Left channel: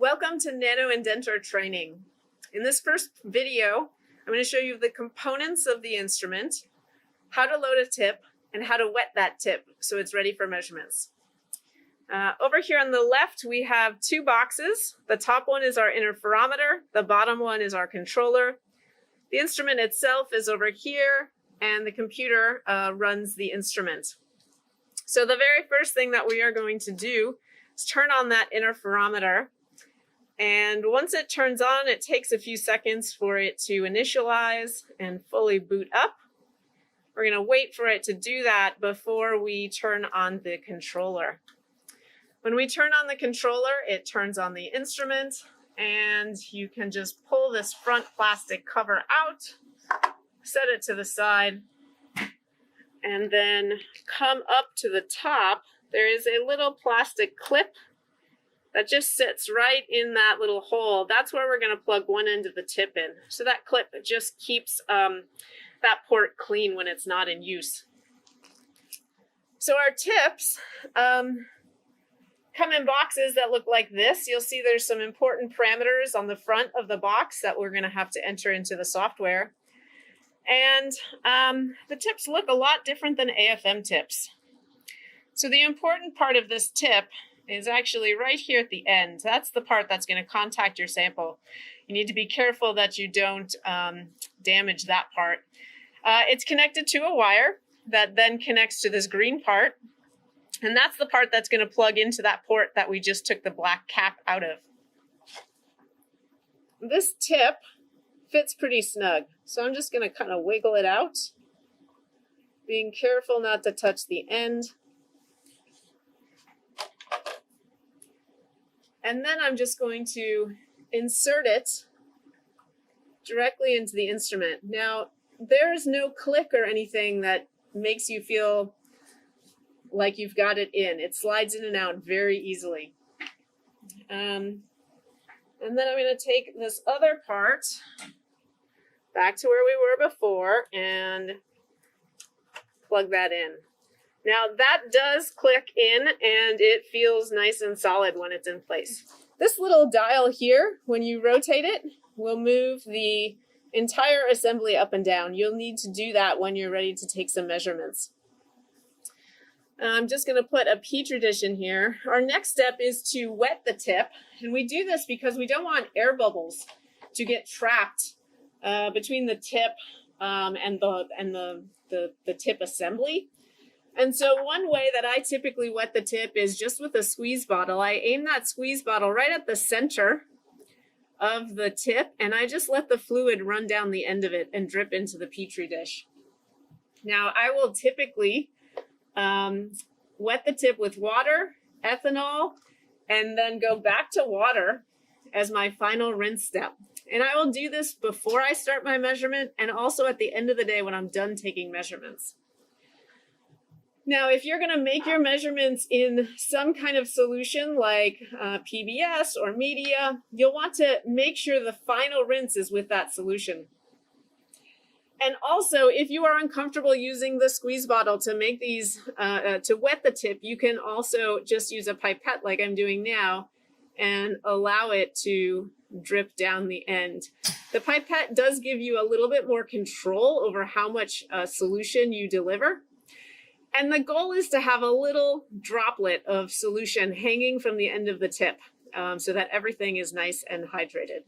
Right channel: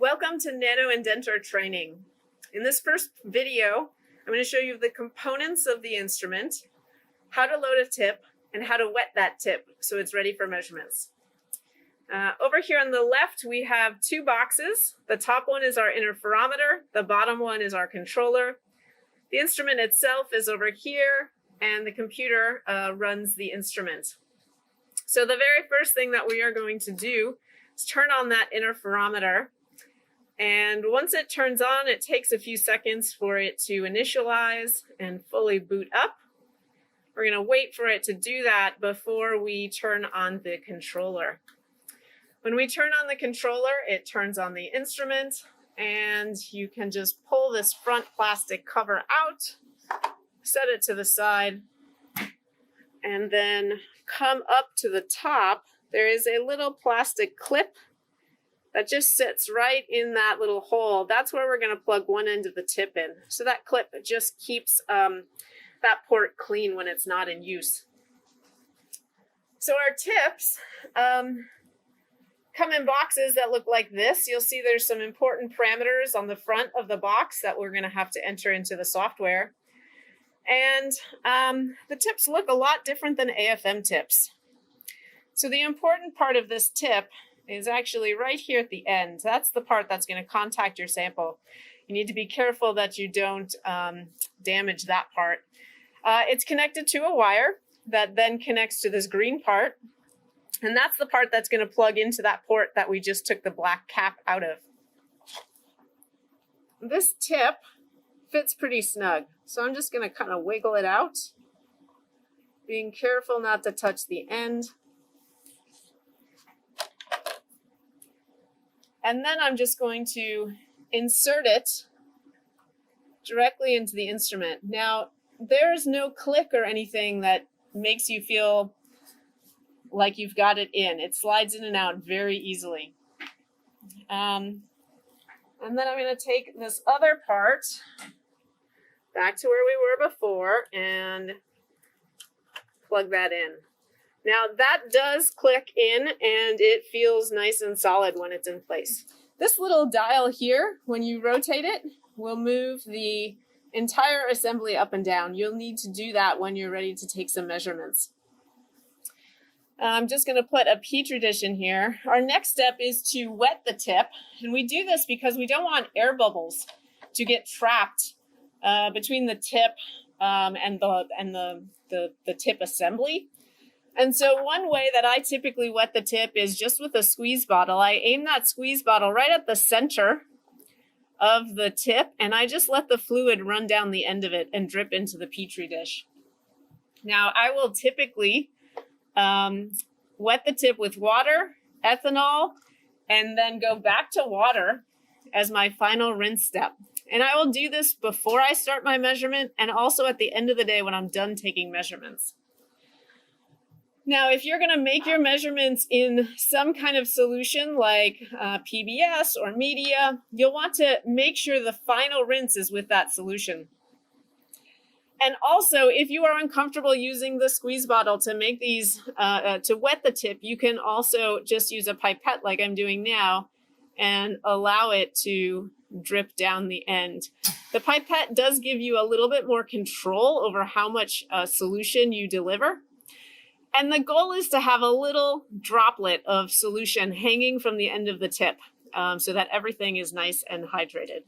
Welcome to NanoIndenter training. In this first video, I'm going to show you the components of the instrument, how to load a tip, and how to wet that tip so it's ready for measurements. Over here on the left, we have two boxes. The top one is our interferometer. The bottom one is our controller. The instrument itself is over here, and the computer runs the instrument. So the very first thing that we are going to do is turn on that interferometer. And once it turns on, it takes a few seconds for it to initialize and fully boot up. We're going to wait for it to do that before we turn on the controller. When we turn on the controller, it turns on the instrument, and you can just pull this front plastic cover out, set it to the side, and then come up to the top. There is a little plastic clip that just sits right in that little hole. That's where we're going to plug one end of the tip in. So that clip just keeps that port clean when it's not in use. So our tips come in boxes that look like this. You'll see there's some important parameters on the front of the box that we're going to have to enter into the software. And the tips look a lot different than AFM tips. So the important part of this tip is actually right here at the end. That's the part that's going to contact your sample. You need to be careful that you don't damage that part. It's connected to a wire that then connects to this green part. And that's the part that's going to plug into that port that we just took the black cap out of. This tip fits pretty snug. So I'm just going to kind of wiggle it out, being careful not to touch the end. And then I'm just going to insert it directly into the instrument. Now, there's no click or anything that makes you feel like you've got it in. It slides in and out very easily. And then I'm going to take this other part back to where we were before and plug that in. Now that does click in and it feels nice and solid when it's in place. This little dial here, when you rotate it, will move the entire assembly up and down. You'll need to do that when you're ready to take some measurements. I'm just going to put a petri dish in here. Our next step is to wet the tip, and we do this because we don't want air bubbles to get trapped between the tip and the tip assembly. And so one way that I typically wet the tip is just with a squeeze bottle. I aim that squeeze bottle right at the center of the tip, and I just let the fluid run down the end of it and drip into the petri dish. Now, I will typically wet the tip with water, ethanol, and then go back to water as my final rinse step. And I will do this before I start my measurement and also at the end of the day when I'm done taking measurements. Now, if you're going to make your measurements in some kind of solution like PBS or media, you'll want to make sure the final rinse is with that solution. And also, if you are uncomfortable using the squeeze bottle to make these, to wet the tip, you can also just use a pipette like I'm doing now and allow it to drip down the end. The pipette does give you a little bit more control over how much solution you deliver. And the goal is to have a little droplet of solution hanging from the end of the tip so that everything is nice and hydrated.